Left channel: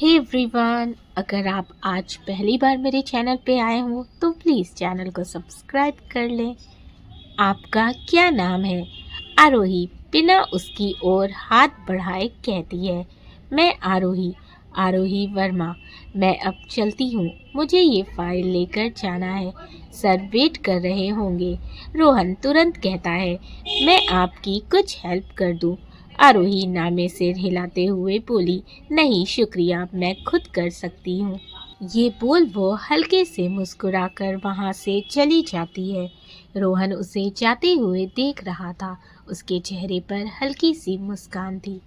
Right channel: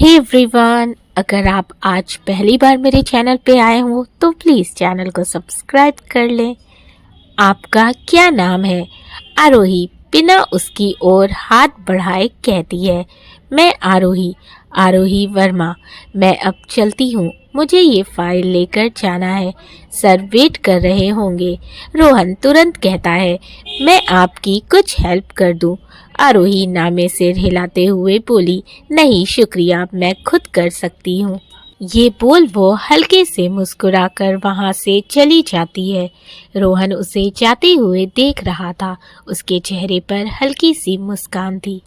Hey everyone, अगर आप आज पहली बार मेरे चैनल पे आए हो तो प्लीज़ चैनल को सब्सक्राइब कर लें। आपका क्या नाम है? आरोही बिना उसकी ओर हाथ बढ़ाए कहती है। मैं आरोही, आरोही वर्मा। मैं अब चलती हूँ, मुझे ये फाइल लेकर जाना है। सर वेट कर रहे होंगे। रोहन तुरंत कहता है, मैं आपकी कुछ हेल्प कर दूँ। आरोही नामे सिर हिलाते हुए बोली, नहीं शुक्रिया, मैं खुद कर सकती हूँ। ये बोल वो हल्के से मुस्कुराकर वहां से चली जाती है। रोहन उसे जाते हुए देख रहा था। उसके चेहरे पर हल्की सी मुस्कान थी।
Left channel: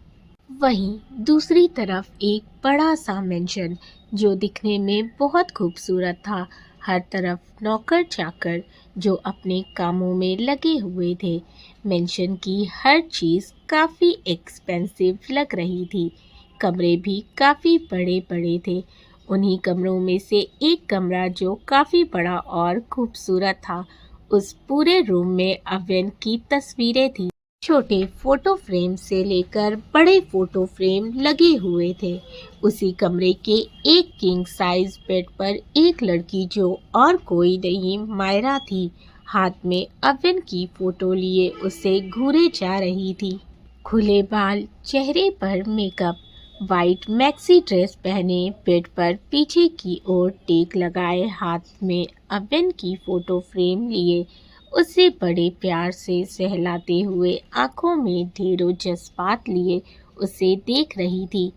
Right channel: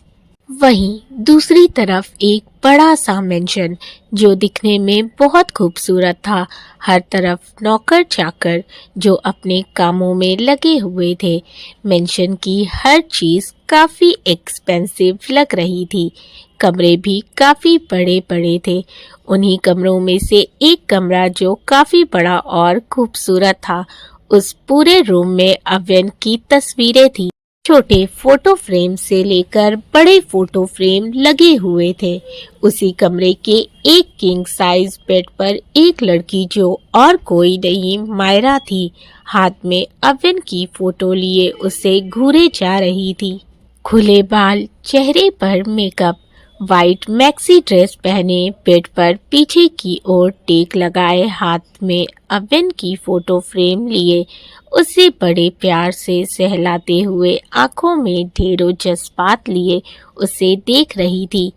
वहीं दूसरी तरफ एक बड़ा सा मेंशन जो दिखने में बहुत खूबसूरत था। हर तरफ नौकर चाकर जो अपने कामों में लगे हुए थे। मेंशन की हर चीज़ काफ़ी एक्सपेंसिव लग रही थी। कमरे भी काफ़ी बड़े बड़े थे। उन्हीं कमरों में से एक कमरा जो काफ़ी बड़ा और खूबसूरत था। उस पूरे रूम में अव्यन की तस्वीरें थी। छोटे फोटो फ्रेम से लेकर बड़े फोटो फ्रेम लगे हुए थे। उसी कमरे के एक किंग साइज बेड पर एक लड़की जो और कोई नहीं मायरा थी, हाथ में अवन की फोटो लिए उसे घूरे जा रही थी। खुले बाल, चेहरे पर मेकअप, वाइट मैक्सी ड्रेस पहने बेड पर पीछे की ओर टेक लगाए हाथ में अवन की फोटो फ्रेम लिए उसे बड़े प्यार से सहलाते हुए आंखों में ढेरों जज्बात लिए उसे देख रही थी।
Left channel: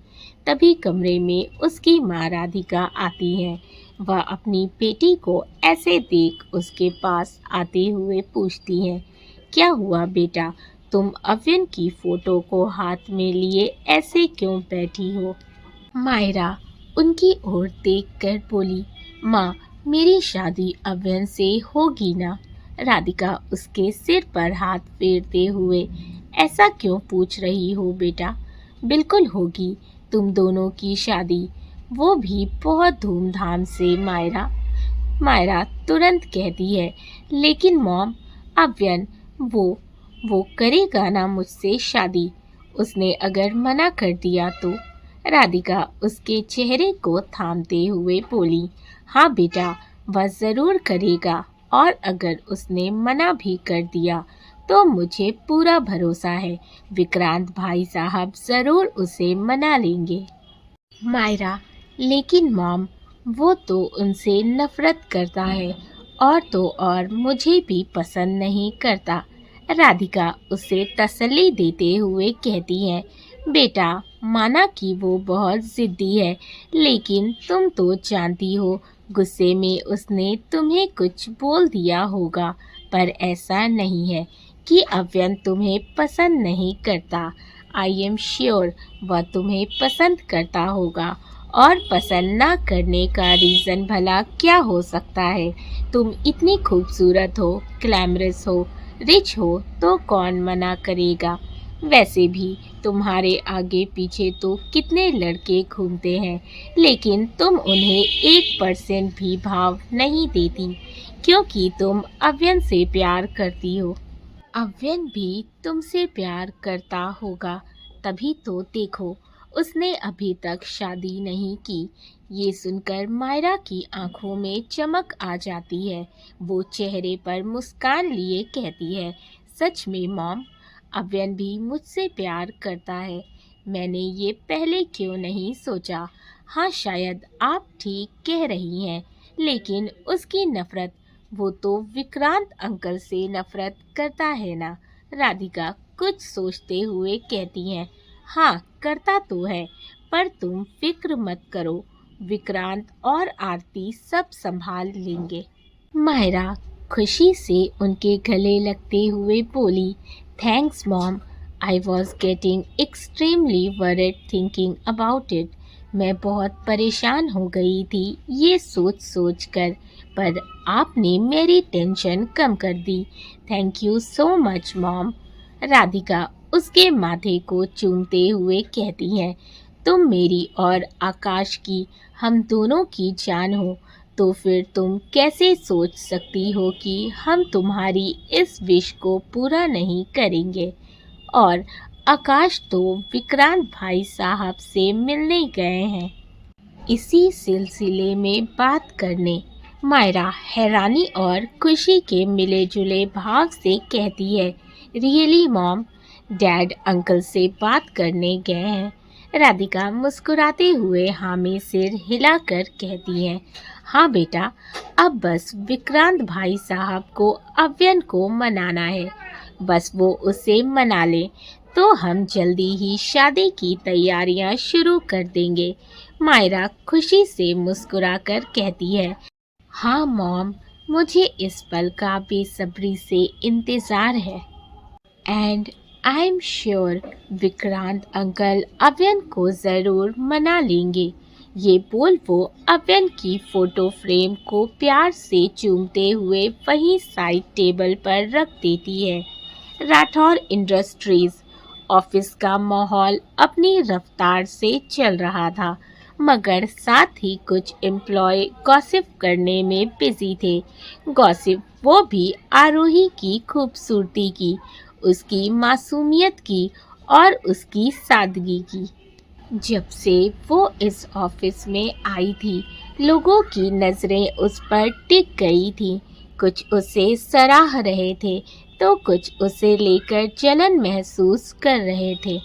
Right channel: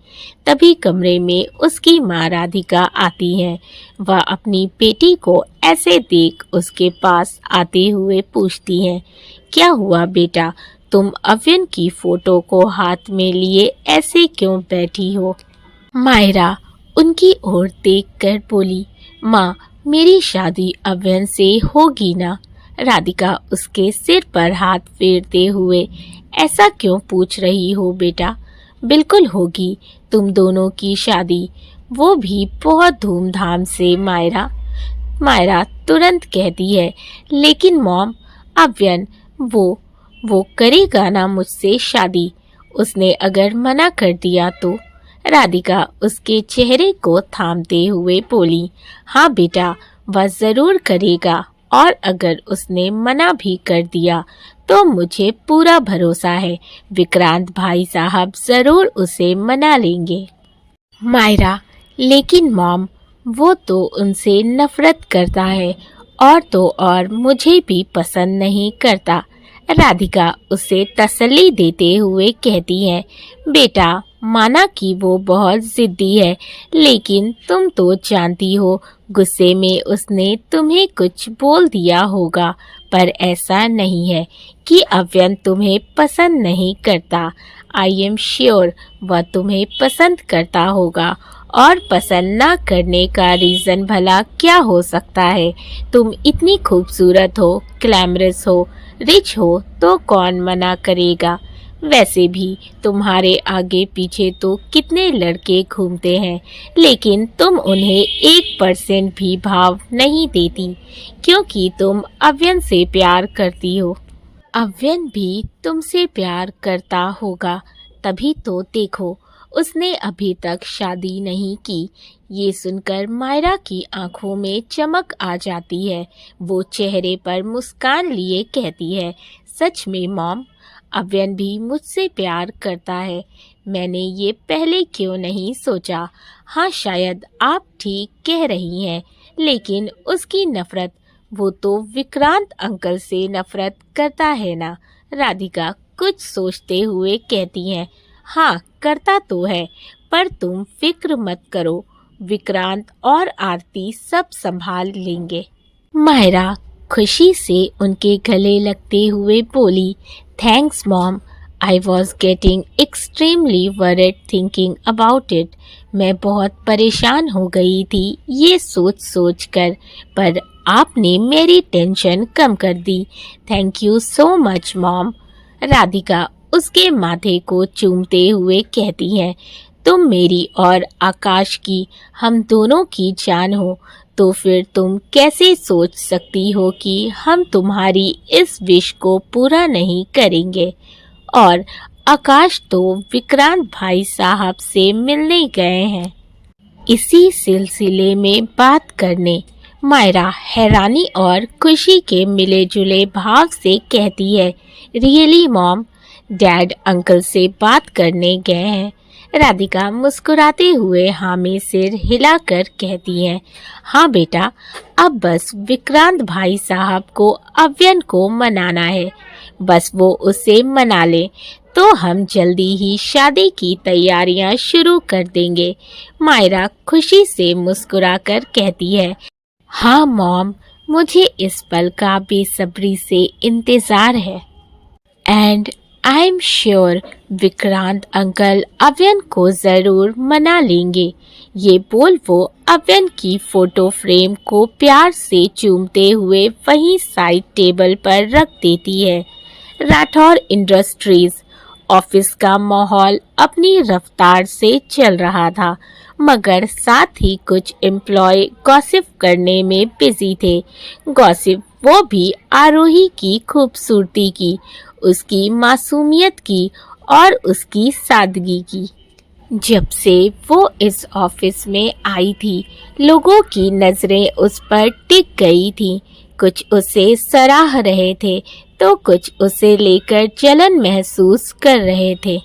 तभी कमरे में उसकी माँ राधिका आती है। वह अपनी बेटी को ऐसे देख उसके पास आते हुए पूछती है, क्या हुआ बेटा, तुम अव्यन की फोटो को हाथ में लिए ऐसे क्यों बैठी हो? मायरा उनकी ओर देखकर बोली, माँ मेरी शादी अव्यन से होगी ना? राधिका उसके सिर पर हाथ फेरते हुए, ऐसा क्यों पूछ रही हो बेटा? बिल्कुल होगी तुम दोनों की शादी, वो भी बहुत धूमधाम से। मायरा मायरा तुरंत कहती है, लेकिन मॉम, अव्यन वो करेगा ना मुझसे शादी? उसने अगर मना कर दिया तो? राधिका उसके चेहरे को थामते हुए बोली, हाँ बेटा, वह जरूर करेगा, और अगर उसने मना भी कर दिया तो मुझे पूरा भरोसा है विक्रांत भाई साहब जरूर उसे मना लेंगे। मायरा, लेकिन मॉम, वो तो उनसे नफरत करता है, और तो और मुझे भी पसंद नहीं करता। राधिका उसे तसल्ली देते हुए कहती है, बेटा माना कि वो बहुत जिद्दी है, लेकिन तुम तो जानती हो गुस्से में उसने तुम्हें कुछ बोल दिया होगा। पर ऐसा नहीं है कि अव्यन तुम्हें पसंद नहीं करता। आई एम श्योर वह तुम्हें पसंद करता होगा, और पसंद ना करने का रीज़न भला क्या हो सकता है? तुम इतनी खूबसूरत हो, ग्लैमरस हो, रिच हो, तो कौन मना करेगा? वैसे भी तुम्हारे आगे पीछे तो कितने लड़के घूमते हैं, लेकिन तुम उन्हें 1% भी भाव नहीं देती, क्योंकि तुम अव्यन से प्यार करती हो। अव्यन भी तुमसे प्यार करता होगा, तभी तो देखो उसने अभी तक शादी नहीं की। ये सुनकर मायरा की आंखों में चमक आ जाती है। वो चेहरे पर मुस्कान लिए कहती है, सच में मॉम, अव्यन भी मुझसे प्यार करता है। मैंने ये पहले क्यों नहीं सोचा? हाँ शायद आप ठीक कह रही हैं, लेकिन उसकी नफरत, वो तो विक्रांत अंकल से नफरत करता है ना? राधिका कुछ सोचते हुए कहती हैं, हाँ करता तो है, पर तुम फिक्र मत करो, विक्रांत और आरती सब संभाल लेंगे। मायरा खुशी से उनके गले लगते हुए बोली, thanks mom, I was getting extremely worried thinking about it. मैं बहुत परेशान हो गई थी ये सोच सोच कर, पर आपने मेरी टेंशन कम कर दी। Thank you so much mom. Radhika उसके माथे को चूमते हुए कहती है, तुम मेरी और आकाश की, हम दोनों की जान हो, तो फिर तुम कैसे सोच सकती हो कि हम तुम्हारी इस विश को पूरा नहीं करेंगे? और आकाश तो विक्रांत भाई साहब से मिलने गए हैं। इसी सिलसिले में बात करने मायरा हैरानी और खुशी के मिले जुले भाव से कहती है, रियली मॉम, डैड अंकल से बात करने गए हैं। राधिका मुस्कुराते हुए हाँ में सिर हिलाकर कहती है, हाँ बेटा, अब बस विक्रांत भाई साहब को अव्यन को मनाना है। बस वो उसे मना ले तो हम जल्दी ही शादी की तैयारियां शुरू कर देंगे। मायरा खुशी से मुस्कुराकर कहती है, हाँ मॉम, मुझे इस पल का बेसब्री से इंतज़ार है। And I am sure Vikrant uncle Avyan को ज़रूर मना लेंगे। ये बोल वो अव्यन की फ़ोटो फ्रेम को प्यार से चूमते हुए वहीं साइड टेबल पर रख देती है। राठौर इंडस्ट्रीज़ ऑफिस का माहौल अपनी रफ्तार से चल रहा था, मगर साथ ही कुछ एम्प्लॉय गॉसिप करने में बिजी थे। गॉसिप वो भी आरोही की खूबसूरती की, उसकी मासूमियत की और उसकी सादगी की। जब से वो इस ऑफिस में आई थी, लोगों की नज़रें उस पर टिक गई थीं। कुछ उसे सराह रहे थे तो कुछ उसे लेकर जलन महसूस कर रहे थे।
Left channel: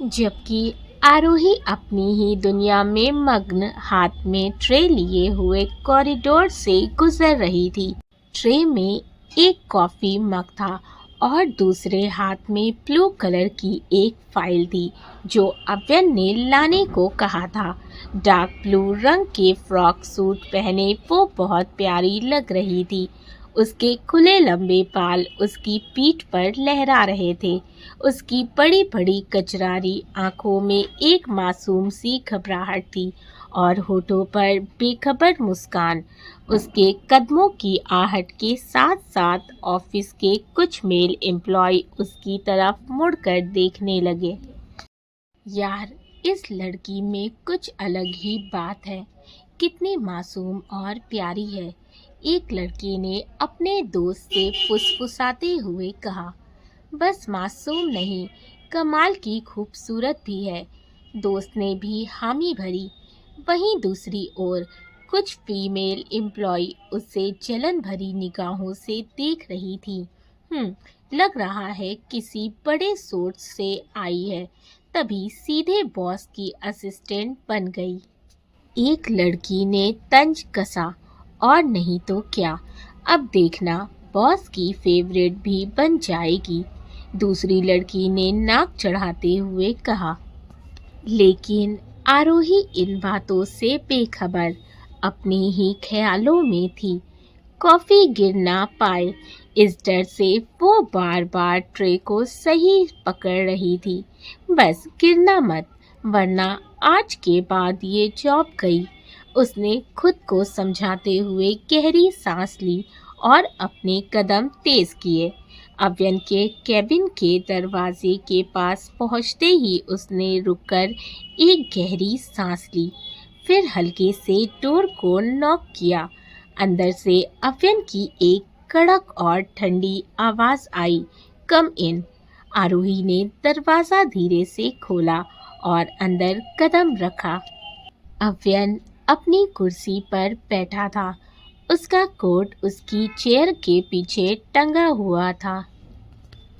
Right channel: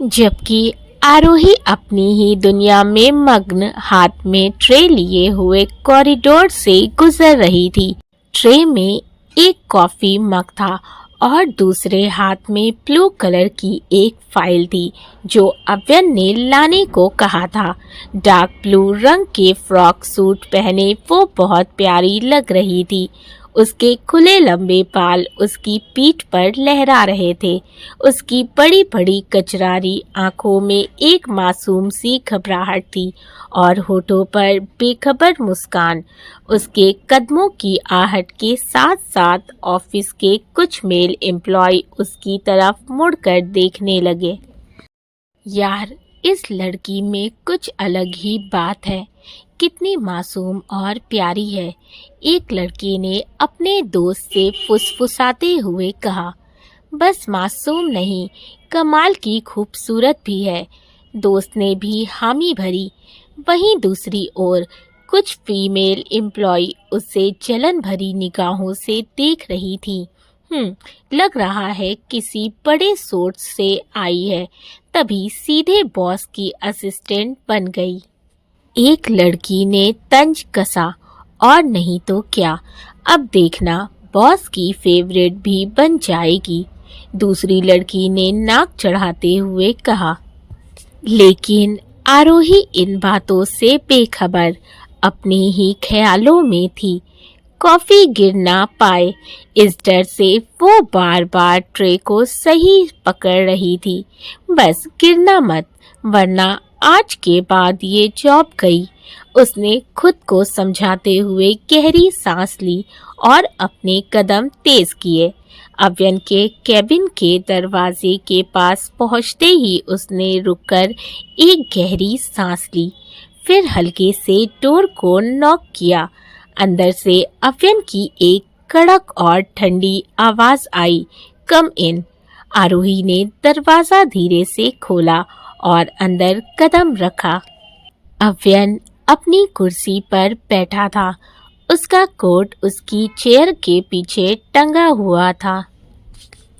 जबकि आरोही अपनी ही दुनिया में मग्न हाथ में ट्रे लिए हुए कॉरिडोर से गुजर रही थी। ट्रे में एक कॉफी मग था और दूसरे हाथ में ब्लू कलर की एक फाइल थी जो अव्यन ने लाने को कहा था। डार्क ब्लू रंग के फ्रॉक सूट पहने वो बहुत प्यारी लग रही थी। उसके खुले लंबे बाल उसकी पीठ पर लहरा रहे थे। उसकी बड़ी बड़ी कचरारी आंखों में एक मासूम सी घबराहट थी और होठों पर बेखबर मुस्कान। उसके कदमों की आहट के साथ साथ ऑफिस के कुछ मेल एम्प्लॉय उसकी तरफ मुड़कर देखने लगे। यार, इस लड़की में कुछ अलग ही बात है, कितनी मासूम और प्यारी है, एक लड़के ने अपने दोस्त से फुसफुसाते हुए कहा। बस मासूम नहीं, कमाल की खूबसूरत भी है, दोस्त ने भी हामी भरी। वहीं दूसरी ओर कुछ फीमेल एम्प्लॉय उसे जलन भरी निगाहों से देख रही थी। लग रहा है किसी बड़े सोर्स से आई है, तभी सीधे बॉस की असिस्टेंट बन गई। एक लड़की ने तंज कसा, और नहीं तो क्या, अब देखना बॉस की फेवरेट भी बन जाएगी। दूसरी लड़की ने नाक चढ़ाते हुए कहा। लेकिन आरोही इन बातों से बेखबर अपने ही ख्यालों में थी। कॉफी गिर ना पाए इस डर से वो बार बार ट्रे को सही पकड़ रही थी। बस गिरना मत, वरना आज के बाद ये जॉब गई। उसने खुद को समझाते हुए गहरी सांस ली और अपने कदम तेज किए। अव्यन के कैबिन के दरवाजे के पास पहुंचते ही उसने रुककर एक गहरी सांस ली, फिर हल्के से डोर को नॉक किया। अंदर से अव्यन की एक कड़क और ठंडी आवाज आई, कम इन। आरोही ने दरवाजा धीरे से खोला और अंदर कदम रखा। अव्यन अपनी कुर्सी पर बैठा था। उसका कोट उसकी चेयर के पीछे टंगा हुआ था।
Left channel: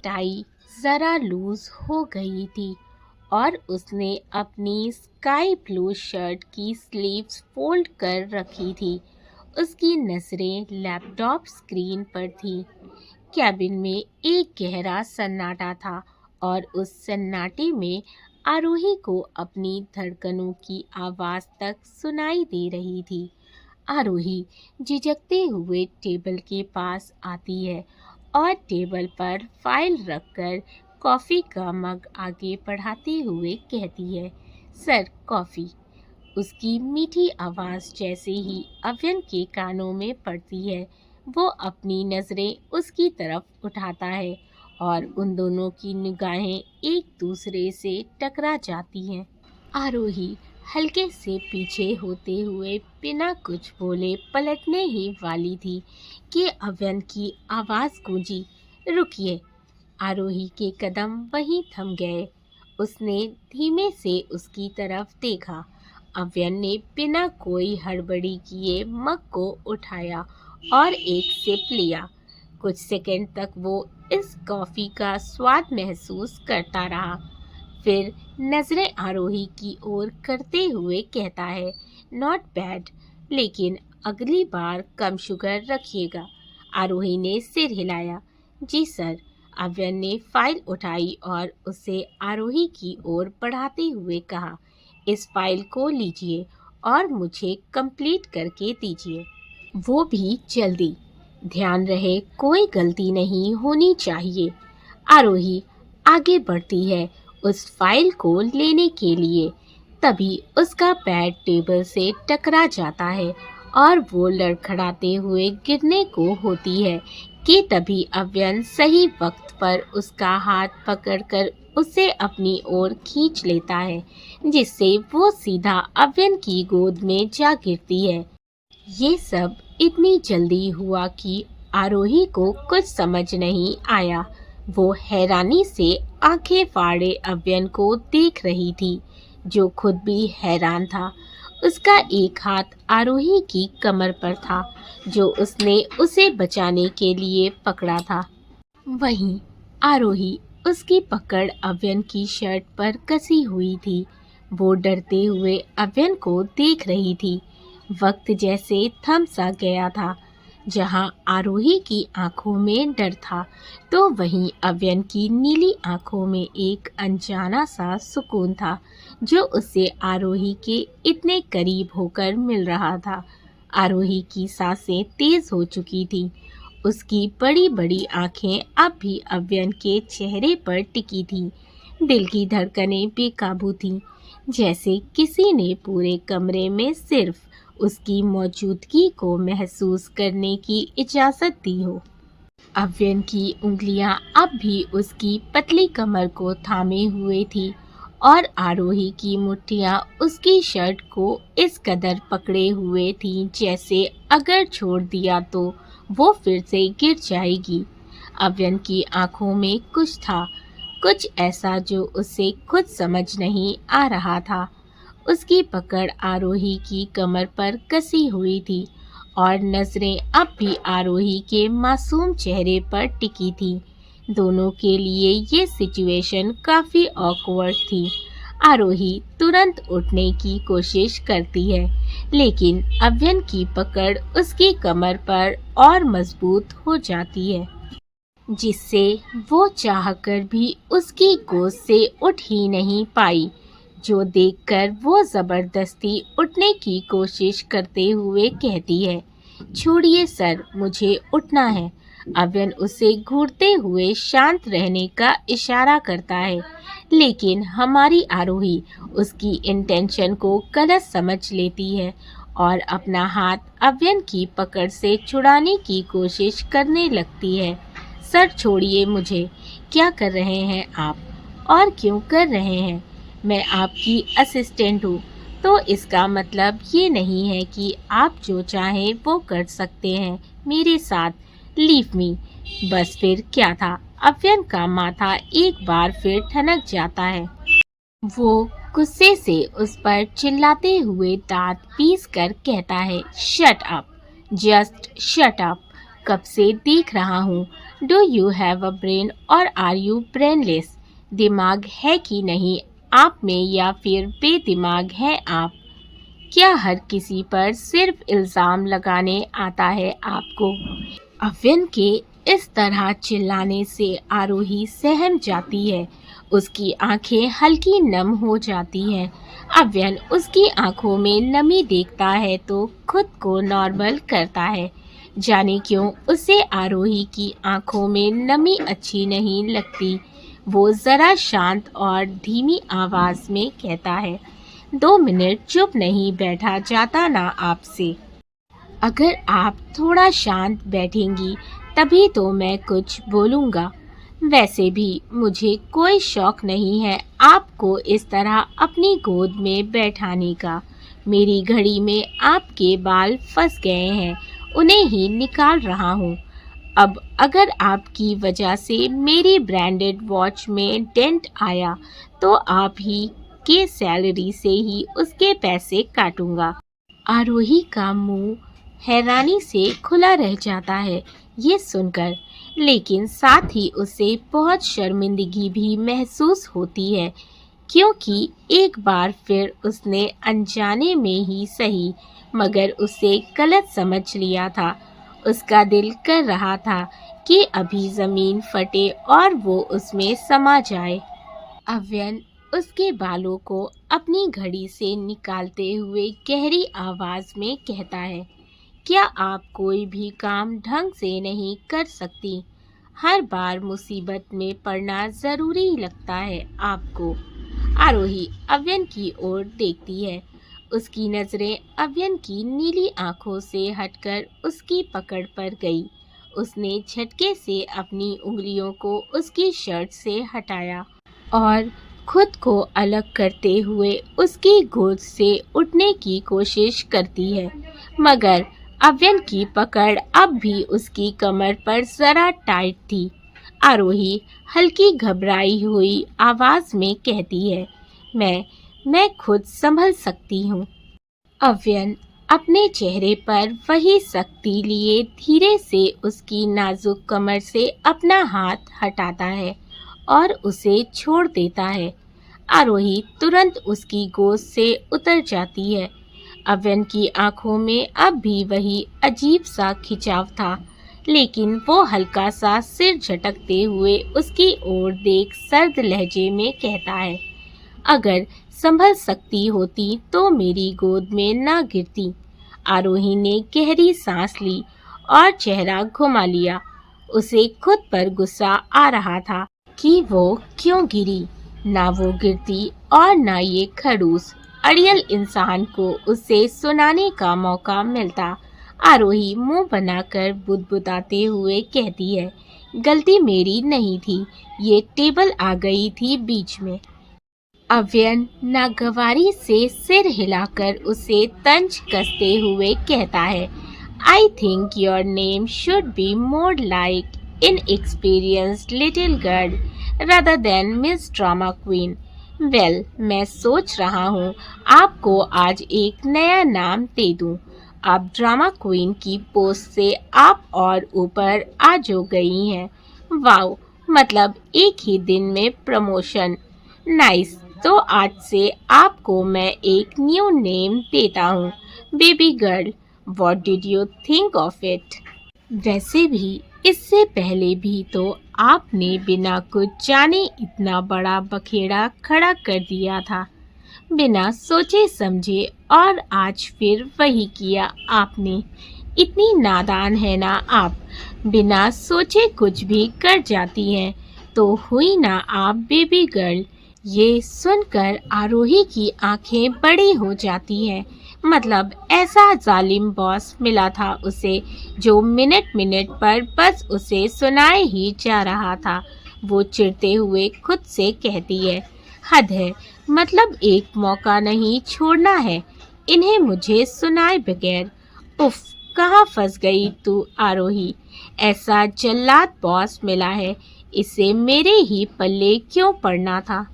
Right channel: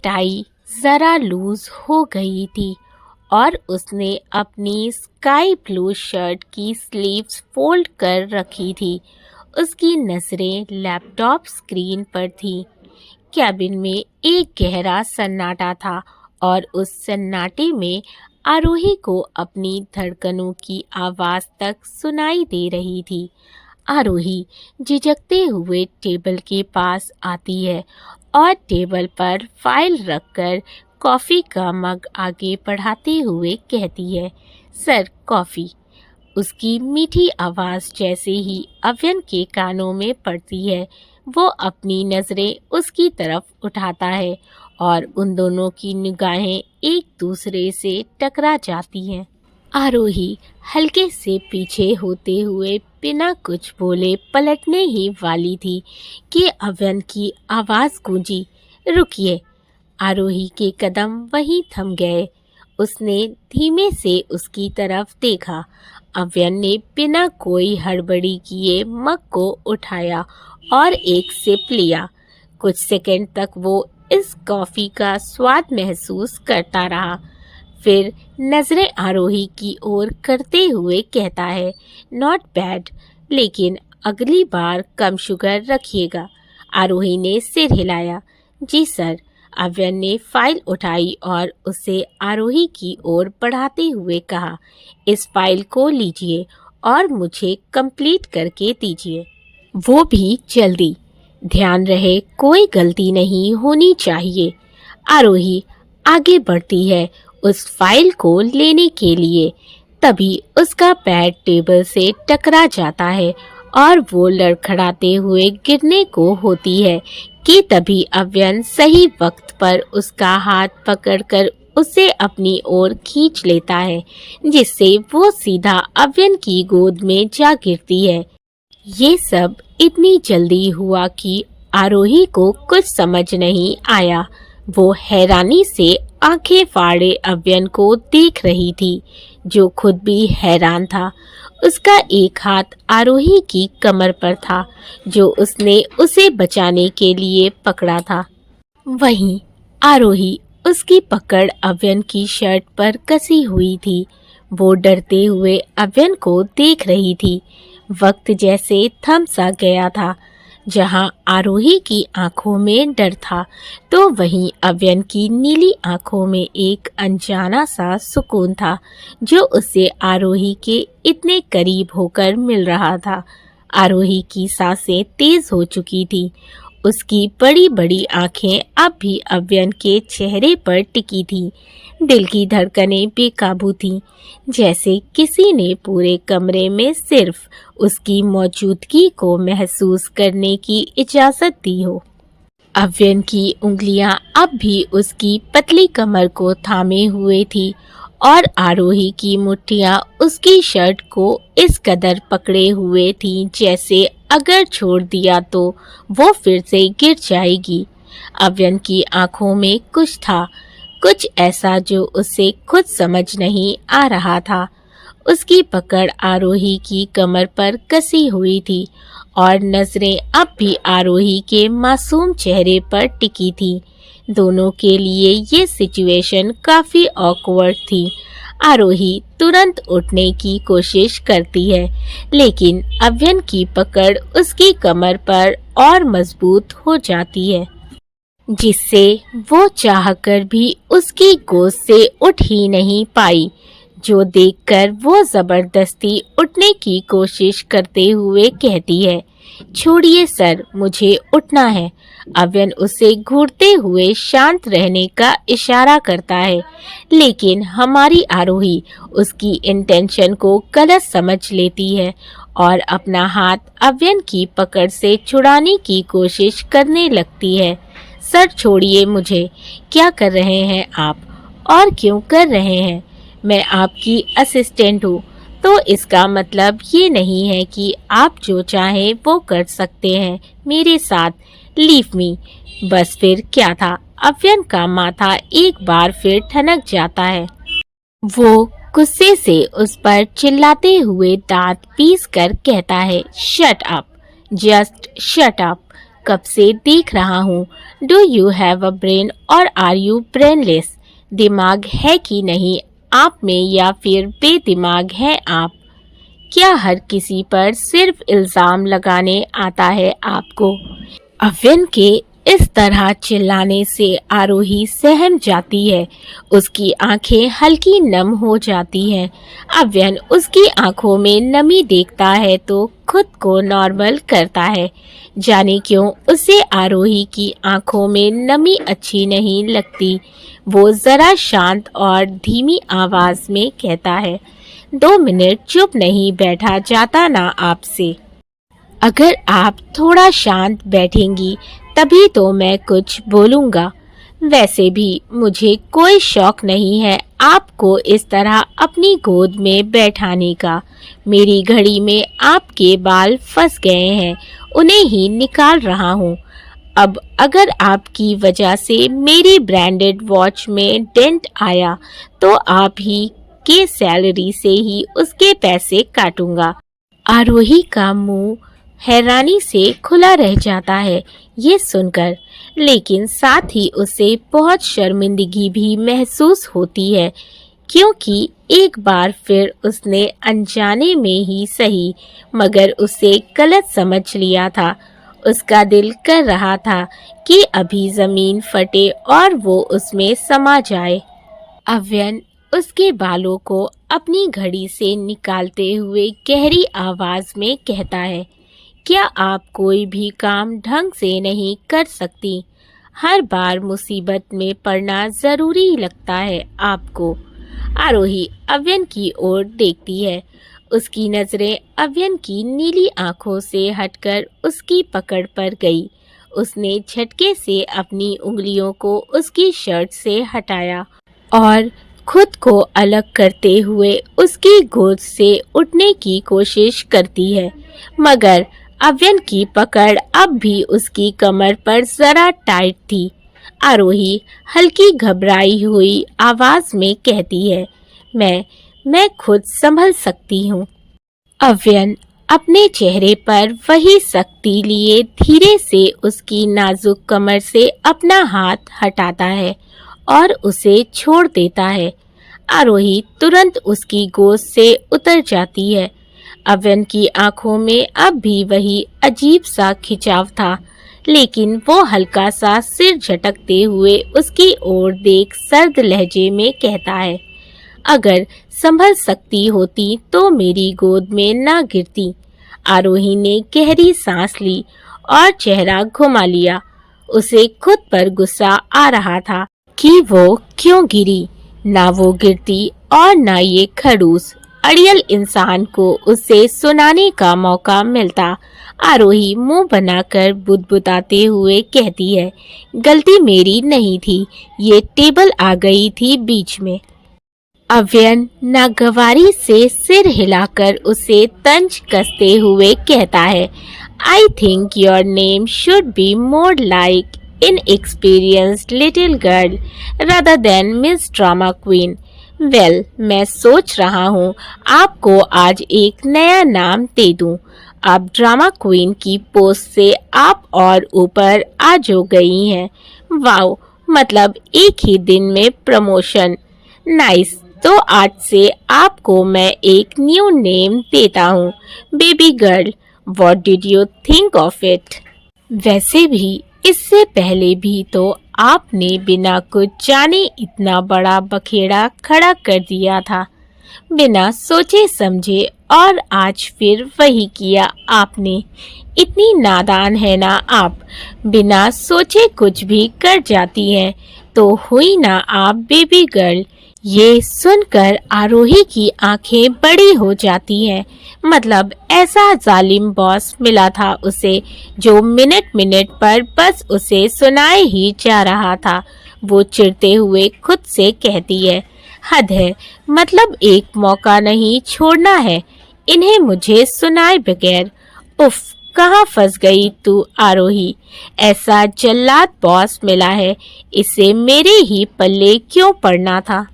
टाई जरा लूज हो गई थी और उसने अपनी स्काई ब्लू शर्ट की स्लीव्स फोल्ड कर रखी थी। उसकी नज़रें लैपटॉप स्क्रीन पर थी। कैबिन में एक गहरा सन्नाटा था और उस सन्नाटे में आरोही को अपनी धड़कनों की आवाज़ तक सुनाई दे रही थी। आरोही झिझकते हुए टेबल के पास आती है और टेबल पर फाइल रखकर कॉफ़ी का मग आगे बढ़ाते हुए कहती है, सर कॉफ़ी। उसकी मीठी आवाज़ जैसे ही अव्यन के कानों में पड़ती है, वो अपनी नज़रें उसकी तरफ उठाता है और उन दोनों की निगाहें एक दूसरे से टकरा जाती हैं। आरोही हल्के से पीछे होते हुए बिना कुछ बोले पलटने ही वाली थी कि अव्यन की आवाज़ गूंजी, रुकिए। आरोही के कदम वहीं थम गए। उसने धीमे से उसकी तरफ देखा। अव्यन ने बिना कोई हड़बड़ी किए मग को उठाया और एक सिप लिया। कुछ सेकंड तक वो इस कॉफी का स्वाद महसूस करता रहा, फिर नजरें आरोही की ओर करते हुए कहता है, नॉट बैड, लेकिन अगली बार कम शुगर रखिएगा। आरोही ने सिर हिलाया। जी सर। अव्यन ने फाइल उठाई और उसे आरोही की ओर बढ़ाते हुए कहा, इस फाइल को लीजिए और मुझे कंप्लीट करके दीजिए, वो भी जल्दी। ध्यान रहे कोई गलती नहीं होनी चाहिए। आरोही आगे बढ़ती है उस फाइल को लेने के लिए, तभी उसका पैर टेबल से टकरा जाता है और वो लड़खड़ाते हुए गिरने को होती है कि तभी अव्यन सही वक्त पर उसका हाथ पकड़कर उसे अपनी ओर खींच लेता है, जिससे वो सीधा अव्यन की गोद में जा गिरती है। ये सब इतनी जल्दी हुआ कि आरोही को कुछ समझ नहीं आया। वो हैरानी से आंखें फाड़े अव्यन को देख रही थी, जो खुद भी हैरान था। उसका एक हाथ आरोही की कमर पर था, जो उसने उसे बचाने के लिए पकड़ा था। वहीं आरोही उसकी पकड़ अव्यन की शर्ट पर कसी हुई थी। वो डरते हुए अव्यन को देख रही थी। वक्त जैसे थम सा गया था। जहां आरोही की आंखों में डर था, तो वहीं अव्यन की नीली आंखों में एक अनजाना सा सुकून था, जो उसे आरोही के इतने करीब होकर मिल रहा था। आरोही की सांसें तेज हो चुकी थी। उसकी बड़ी बड़ी आंखें अब भी अव्यन के चेहरे पर टिकी थीं। दिल की धड़कनें बेकाबू थीं, जैसे किसी ने पूरे कमरे में सिर्फ उसकी मौजूदगी को महसूस करने की इजाजत दी हो। अव्यन की उंगलियां अब भी उसकी पतली कमर को थामे हुए थी और आरोही की मुट्ठियां उसकी शर्ट को इस कदर पकड़े हुए थीं, जैसे अगर छोड़ दिया तो वो फिर से गिर जाएगी। अव्यन की आंखों में कुछ था, कुछ ऐसा जो उसे खुद समझ नहीं आ रहा था। उसकी पकड़ आरोही की कमर पर कसी हुई थी और नजरें अब भी आरोही के मासूम चेहरे पर टिकी थी। दोनों के लिए ये सिचुएशन काफी ऑकवर्ड थी। आरोही तुरंत उठने की कोशिश करती है, लेकिन अव्यन की पकड़ उसकी कमर पर और मजबूत हो जाती है, जिससे वो चाहकर भी उसकी गोद से उठ ही नहीं पाई, जो देखकर वो जबरदस्ती उठने की कोशिश करते हुए कहती है, छोड़िए सर, मुझे उठना है। अव्यन उसे घूरते हुए शांत रहने का इशारा करता है, लेकिन हमारी आरोही उसकी इंटेंशन को गलत समझ लेती है और अपना हाथ अव्यन की पकड़ से छुड़ाने की कोशिश करने लगती है। सर छोड़िए मुझे, क्या कर रहे हैं आप, और क्यों कर रहे हैं? मैं आपकी असिस्टेंट हूँ, तो इसका मतलब ये नहीं है कि आप जो चाहें वो कर सकते हैं मेरे साथ। Leave me. बस फिर क्या था, अव्यन का माथा एक बार फिर ठनक जाता है। वो गुस्से से उस पर चिल्लाते हुए दांत पीस कर कहता है, shut up, just shut up. कब से देख रहा हूँ, do you have a brain और आर यू ब्रेनलेस? दिमाग है कि नहीं आप में, या फिर बेदिमाग है आप? क्या हर किसी पर सिर्फ इल्जाम लगाने आता है आपको? अव्यन के इस तरह चिल्लाने से आरोही सहम जाती है। उसकी आंखें हल्की नम हो जाती हैं। अव्यन उसकी आंखों में नमी देखता है तो खुद को नॉर्मल करता है। जाने क्यों उसे आरोही की आंखों में नमी अच्छी नहीं लगती। वो जरा शांत और धीमी आवाज में कहता है, 2 मिनट चुप नहीं बैठा जाता ना आपसे? अगर आप थोड़ा शांत बैठेंगी तभी तो मैं कुछ बोलूँगा। वैसे भी मुझे कोई शौक नहीं है आपको इस तरह अपनी गोद में बैठाने का। मेरी घड़ी में आपके बाल फंस गए हैं, उन्हें ही निकाल रहा हूँ। अब अगर आपकी वजह से मेरी ब्रांडेड वॉच में डेंट आया तो आप ही के सैलरी से ही उसके पैसे काटूंगा। आरोही का मुंह हैरानी से खुला रह जाता है ये सुनकर, लेकिन साथ ही उसे बहुत शर्मिंदगी भी महसूस होती है, क्योंकि एक बार फिर उसने अनजाने में ही सही मगर उसे गलत समझ लिया था। उसका दिल कर रहा था कि अभी जमीन फटे और वो उसमें समा जाए। अव्यन उसके बालों को अपनी घड़ी से निकालते हुए गहरी आवाज में कहता है, क्या आप कोई भी काम ढंग से नहीं कर सकती? हर बार मुसीबत में पड़ना जरूरी लगता है आपको। आरोही अव्यन की ओर देखती है। उसकी नजरें अव्यन की नीली आंखों से हटकर उसकी पकड़ पर गई। उसने झटके से अपनी उंगलियों को उसकी शर्ट से हटाया और खुद को अलग करते हुए उसकी गोद से उठने की कोशिश करती है, मगर अव्यन की पकड़ अब भी उसकी कमर पर जरा टाइट थी। आरोही हल्की घबराई हुई आवाज में कहती है, मैं खुद संभल सकती हूँ। अव्यन अपने चेहरे पर वही सख्ती लिए धीरे से उसकी नाजुक कमर से अपना हाथ हटाता है और उसे छोड़ देता है। आरोही तुरंत उसकी गोद से उतर जाती है। अव्यन की आंखों में अब भी वही अजीब सा खिंचाव था, लेकिन वो हल्का सा सिर झटकते हुए उसकी ओर देख सर्द लहजे में कहता है, अगर संभल सकती होती तो मेरी गोद में ना गिरती। आरोही ने गहरी सांस ली और चेहरा घुमा लिया। उसे खुद पर गुस्सा आ रहा था कि वो क्यों गिरी। ना वो गिरती और ना ये खड़ूस अड़ियल इंसान को उसे सुनाने का मौका मिलता। आरोही मुंह बनाकर बुदबुदाते हुए कहती है, गलती मेरी नहीं थी, ये टेबल आ गई थी बीच में। अव्यन नागवारी से सिर हिलाकर उसे तंज कसते हुए कहता है, I think your name should be more like inexperienced little girl rather than Miss Drama Queen. Well, मैं सोच रहा हूँ आपको आज एक नया नाम दे दूँ। अब ड्रामा क्वीन की पोस्ट से आप और ऊपर आ जो गई हैं। वाओ, मतलब एक ही दिन में प्रमोशन। नाइस, तो आज से आपको मैं एक न्यू नेम देता हूँ, baby girl. What did you think of it? वैसे भी इससे पहले भी तो आपने बिना कुछ जाने इतना बड़ा बखेड़ा खड़ा कर दिया था, बिना सोचे समझे, और आज फिर वही किया आपने। इतनी नादान है ना आप, बिना सोचे कुछ भी कर जाती हैं। तो हुई ना आप बेबी गर्ल। ये सुनकर आरोही की आंखें बड़ी हो जाती हैं। मतलब ऐसा जालिम बॉस मिला था उसे, जो मिनट मिनट पर बस उसे सुनाए ही जा रहा था। वो चिढ़ते हुए खुद से कहती है, हद है, मतलब एक मौका नहीं छोड़ना है इन्हें मुझे सुनाए बगैर। उफ, कहाँ फंस गई तू आरोही? ऐसा जल्लाद बॉस मिला है, इसे मेरे ही पल्ले क्यों पड़ना था?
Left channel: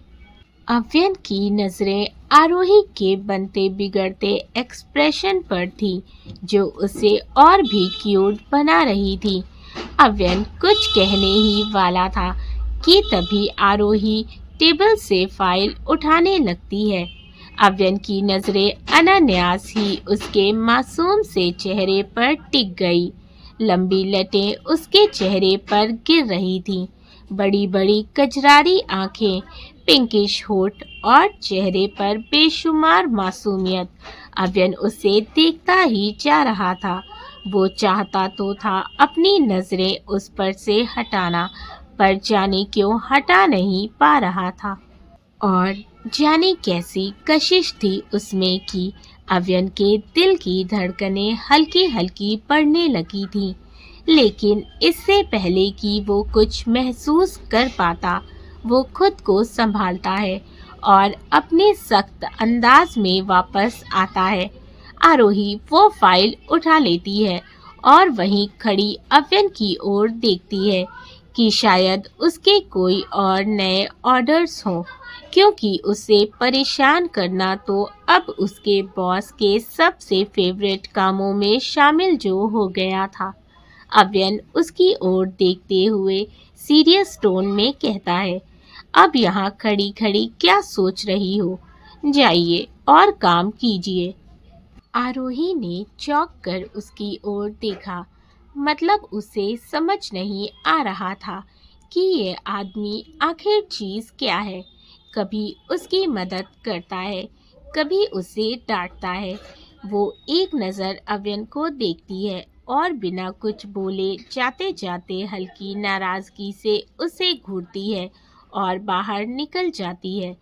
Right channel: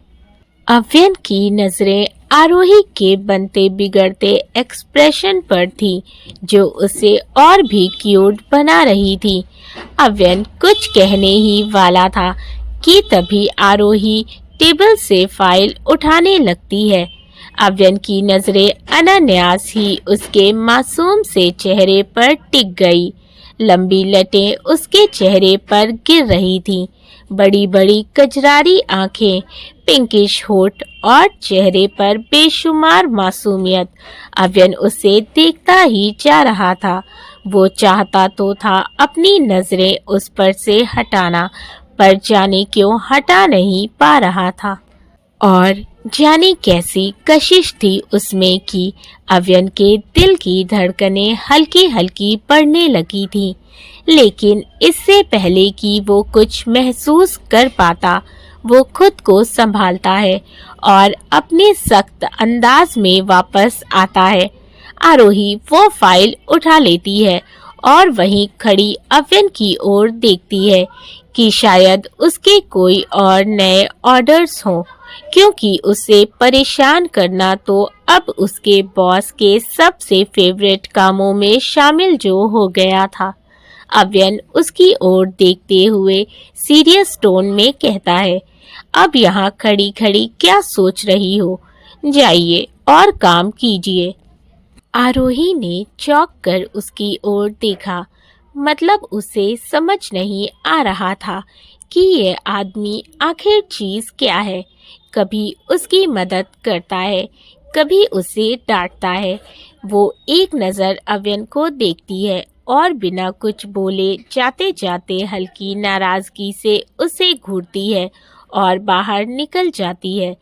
अव्यन की नजरें आरोही के बनते बिगड़ते एक्सप्रेशन पर थी, जो उसे और भी क्यूट बना रही थी। अव्यन कुछ कहने ही वाला था कि तभी आरोही टेबल से फाइल उठाने लगती है। अव्यन की नजरें अनायास ही उसके मासूम से चेहरे पर टिक गई। लंबी लटें उसके चेहरे पर गिर रही थीं। बड़ी बड़ी कजरारी आंखें, पिंकिश होठ और चेहरे पर बेशुमार मासूमियत। अव्यन उसे देखता ही जा रहा था। वो चाहता तो था अपनी नजरें उस पर से हटाना, पर जाने क्यों हटा नहीं पा रहा था। और जाने कैसी कशिश थी उसमें कि अव्यन के दिल की धड़कनें हल्की हल्की बढ़ने लगी थीं। लेकिन इससे पहले कि वो कुछ महसूस कर पाता, वो खुद को संभालता है और अपने सख्त अंदाज में वापस आता है। आरोही वो फाइल उठा लेती है और वहीं खड़ी अव्यन की ओर देखती है कि शायद उसके कोई और नए ऑर्डर्स हों, क्योंकि उसे परेशान करना तो अब उसके बॉस के सबसे फेवरेट कामों में शामिल जो हो गया था। अव्यन उसकी ओर देखते हुए सीरियस टोन में कहता है, अब यहाँ खड़ी खड़ी क्या सोच रही हो? जाइए और काम कीजिए। आरोही ने चौंक कर उसकी ओर देखा। मतलब उसे समझ नहीं आ रहा था कि ये आदमी आखिर चीज क्या है। कभी उसकी मदद करता है, कभी उसे डांटता है। वो एक नज़र अव्यन को देखती है और बिना कुछ बोले जाते जाते हल्की नाराजगी से उसे घूरती है और बाहर निकल जाती है।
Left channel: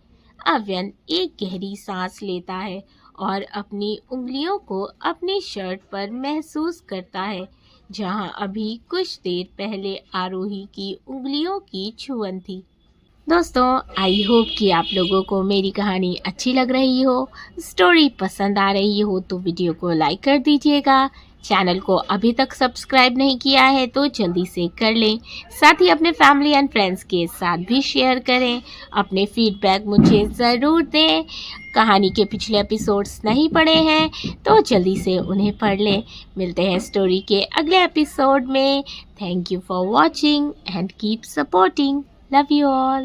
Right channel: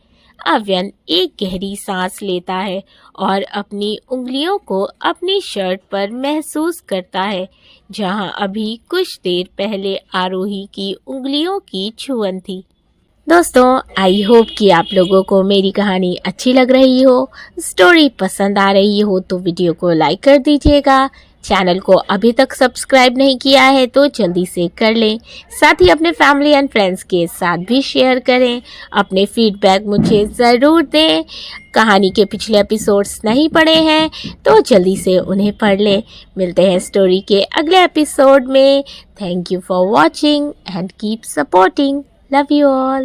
अव्यन एक गहरी सांस लेता है और अपनी उंगलियों को अपनी शर्ट पर महसूस करता है, जहां अभी कुछ देर पहले आरोही की उंगलियों की छुअन थी। दोस्तों, आई होप कि आप लोगों को मेरी कहानी अच्छी लग रही हो, स्टोरी पसंद आ रही हो तो वीडियो को लाइक कर दीजिएगा। चैनल को अभी तक सब्सक्राइब नहीं किया है तो जल्दी से कर लें। साथ ही अपने फैमिली एंड फ्रेंड्स के साथ भी शेयर करें। अपने फीडबैक मुझे ज़रूर दें। कहानी के पिछले एपिसोड्स नहीं पढ़े हैं तो जल्दी से उन्हें पढ़ लें। मिलते हैं स्टोरी के अगले एपिसोड में। Thank you for watching and keep supporting. Love you all.